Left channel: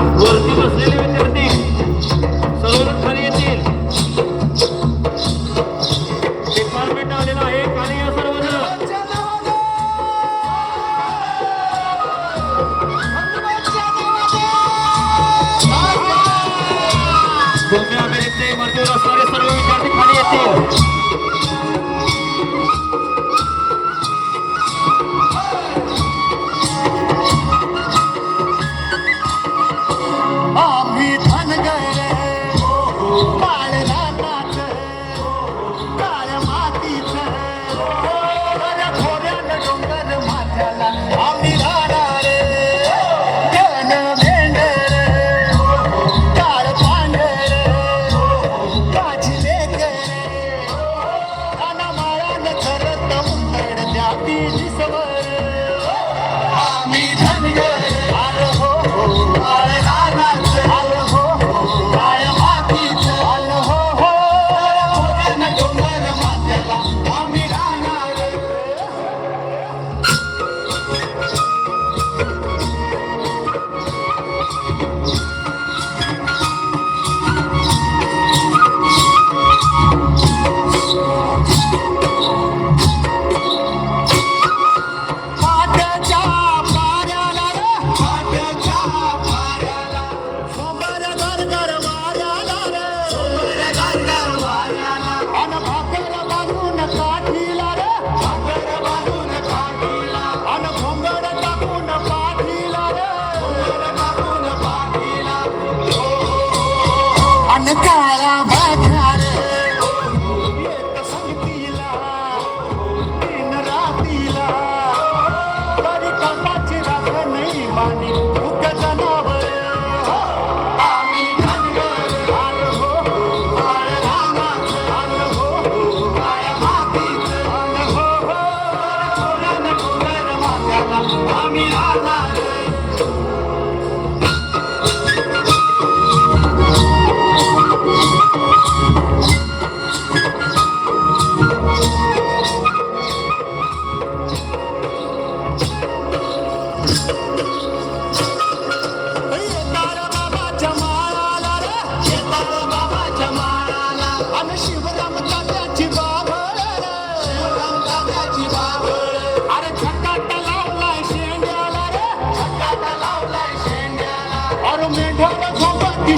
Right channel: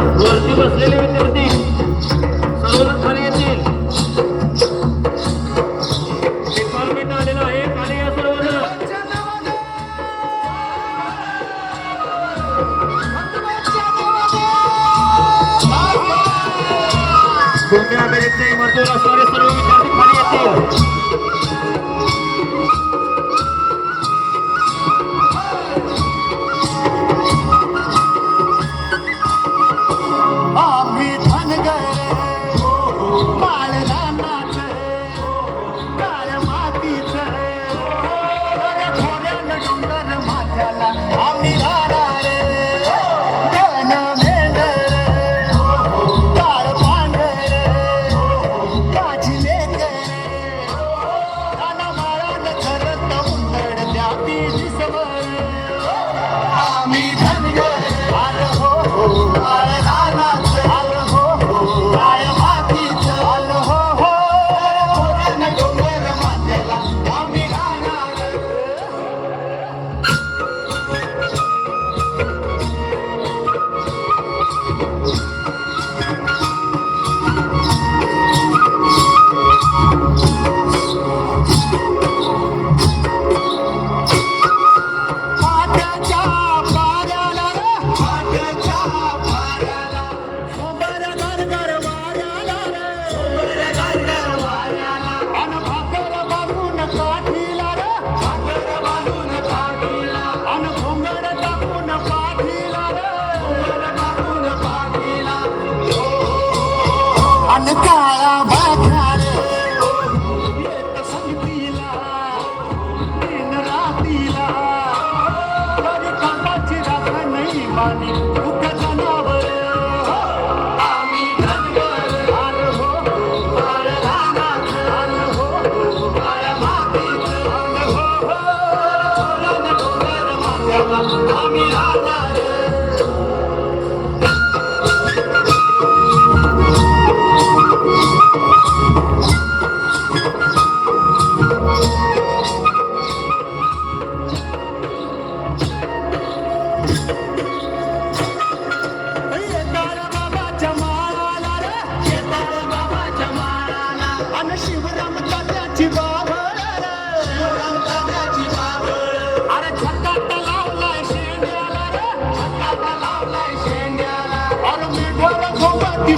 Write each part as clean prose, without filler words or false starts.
वरती बसलेले विद्यार्थी सर्व खाली येतील. डिपार्टमेंट आलेलं आहे, खाली या सर्वजण. भूमी अभिनेते इमारतीवर असणारे सर्व विद्यार्थी खाली येतील.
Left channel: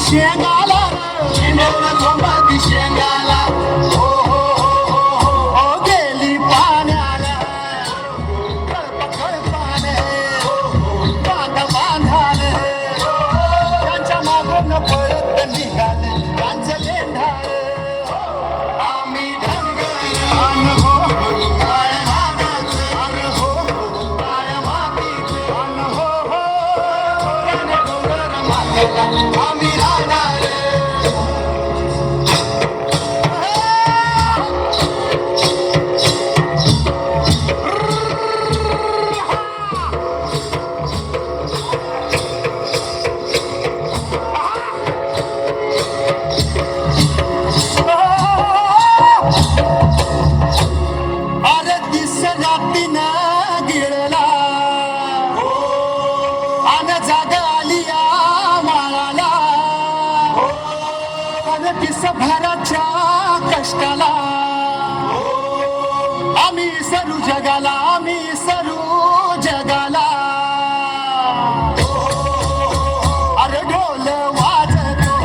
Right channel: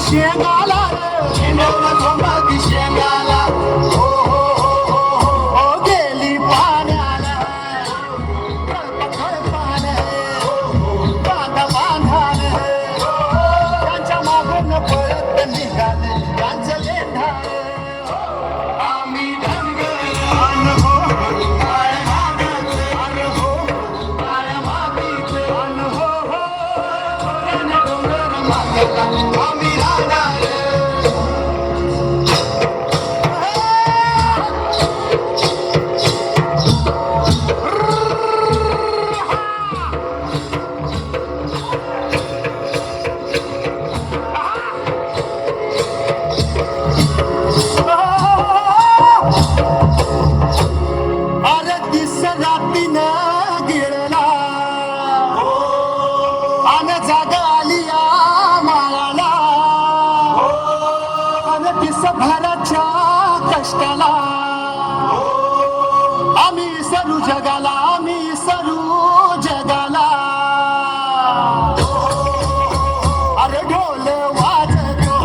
शेंगाला शेंगाला गेली पाण्याला बांधा बांधाने त्यांच्या मागून परत निघाले त्यांचं लेंढाळे आम्ही दिसभराच्या कष्टाला आम्ही सरू जगाला आम्ही सरू जगाला अरे ढोल वाजतो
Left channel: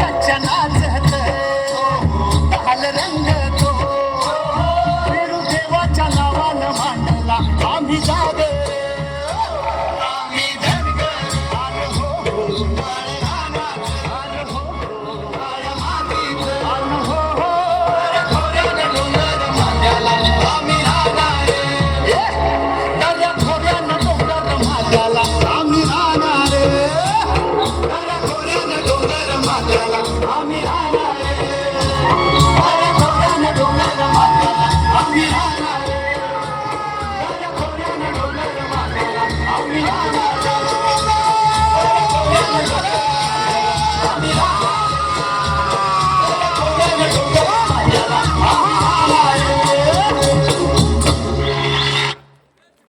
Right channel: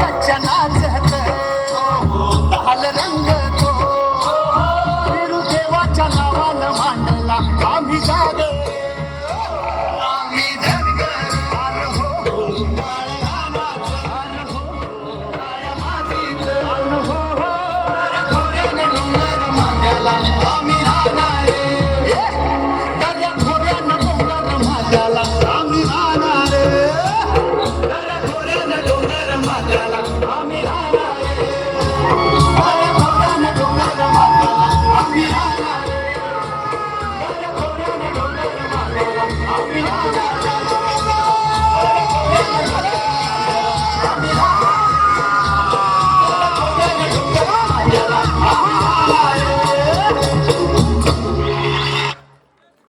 बच्चा नाचतो ताल रंगतो फिरू देवाच्या नावानं मांडला आम्ही जागे आम्ही Yeah.